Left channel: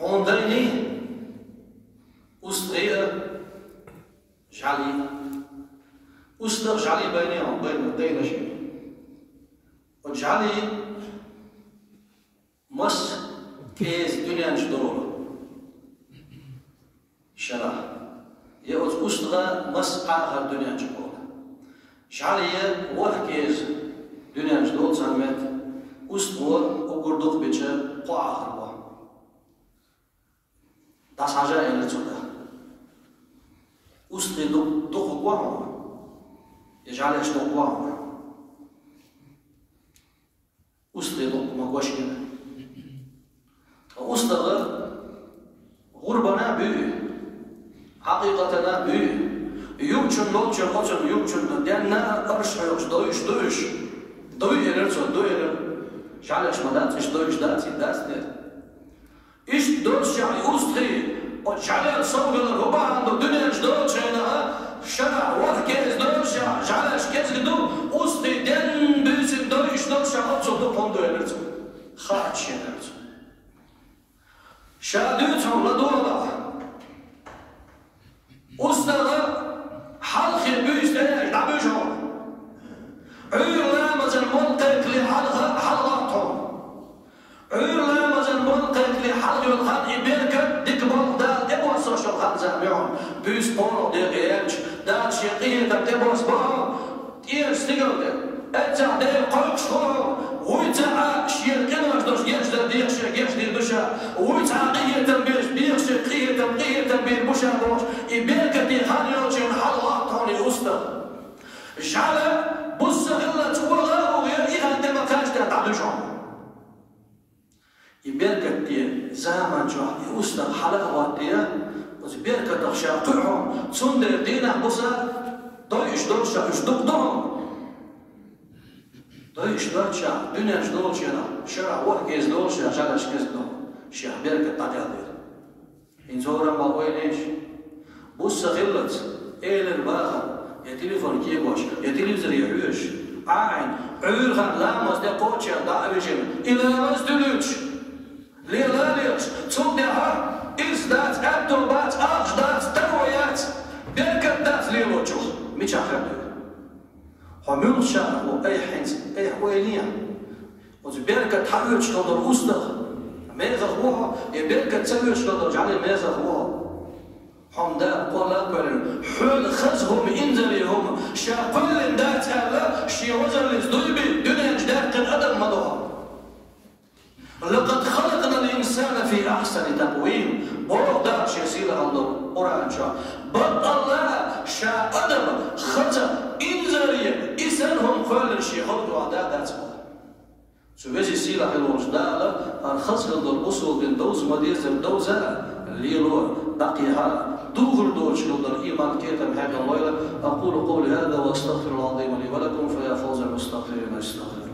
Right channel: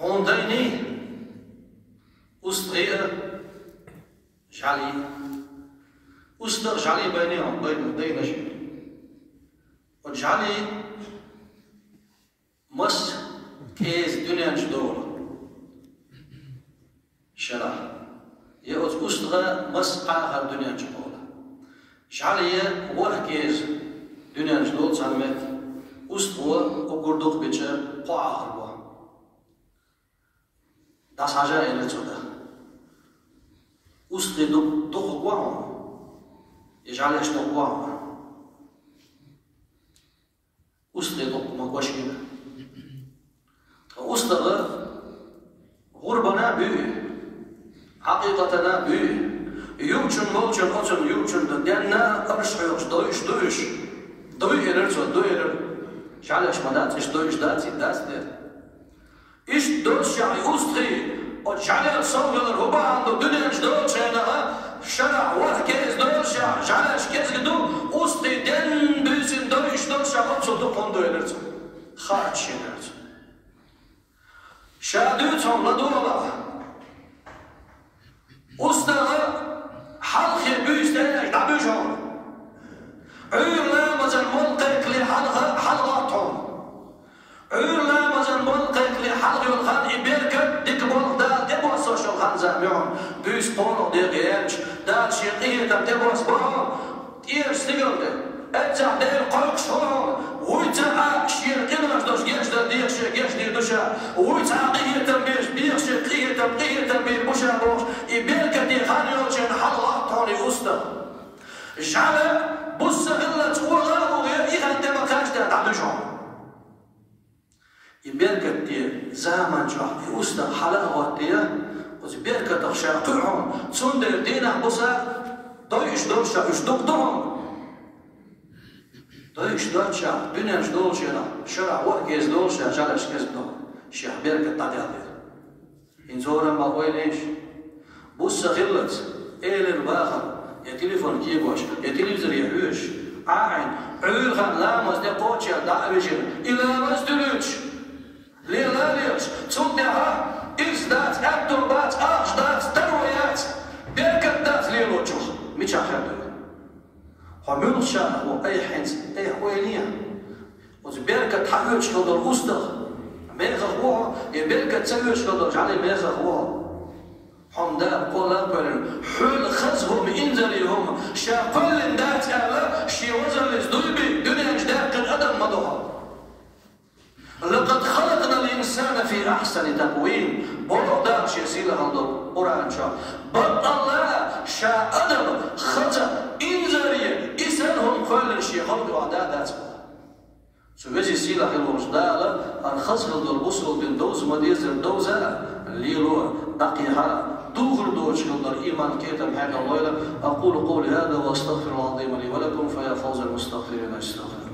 هونديني أسطغية جعلي أسطغ جعلي بينهم بين دينجي وجعلي مس كيز دنيا جدور شرع يأوز أسطغ مس آخر دنيا جدور جعلي وحكيز دنيا جدور سامت أسطغ وقردوق بيتشر قو آخر بوا Das haja ele tsuda. Ustri do guamo. Yajale sto guamo. Ustri do ma gwashina. Ustra غربنا بي حقيقتنا بي يمكن موجن موجن يمكن دينا أرشح دويش دوي إيرنسو دوي إيرن شعلش مدات إيش دويش داتي داسنت إيش دوش يعني أستري وشعلش صوغ الربع عنده دنيا دوش هنا شرع وحكيز دوش شعلش كيز قدو أستري دين بيسن دويش دوش أبصو دو فندو إيرنسو خاتش إيرنسو شادوتهم لدورة أستري حلقي بيستيق دعبيجهم عيرنا مزن ملقك لحلقاتهم عيرنا مزن ملقك لحلق الخان إبيركت ديك بلغدال ديبوس شوخان زاميون بيس بولو ديقيانش دال شيقية ديبوس بولو تيرش تيقلق أجع ديل قلق شهور ويتعا شيرقنا جدوش يجد ديخش يجد دوشا ويتعا قية بيخش قية بيربوشا روش إبيركت ديخان يوشين حلقاتهم لأستر جعل بص غلة تقول غابو غير عندما تاجد تعدوشهم يبيركت دي زمان جوع يوسنا حلقة واتية ويبيركت تخشاقعهم تسندر دينا بصا دويش دوشا اشدقدهم دويش دوشا دنيا جدوشا شرع وحكيز دوشا جالش كزدهم شيخ بيركت تعديادير انزورا ما وينيش بص غلة إيلر باخر يا تليفون كيبوش يا تلفزيون يحوش عين عيرغن لامس دي قوتشا دعوشن إلى مزدلوش ليلا ليش تصدها إزدات أدوبات أجدات ترويات بيركت دات ليلوشوخ ميش أخردو حمول شاهو أي حنس أي حويليا وزبيركت حيوش لدر أصدق ميغا هو يبيركت سويش لدر جعلي ميغا هو حمدا قولا قولن حول خزهم إنزليهم شاقل دات ألا شي وزر لزدلبي دنيا جداق الأدم مضوها لقد خلقنا الإنسان في أحسن تقويم بردا شي سيلا عنده قرآن شا بطلا شا أدم خزا إنزليهم إسانهم قولن شي خلقوا عدادات سوزي سيلا حلو جدالا الخزق الوصول بين دوز مديزر دوزا الليلو بقيها دوغر دوش نظر إيمان كيتم حاجة الله. أقول قولي هذا وأستغفر الله العظيم لي ولكم فيا فوز المستغفرين استغفر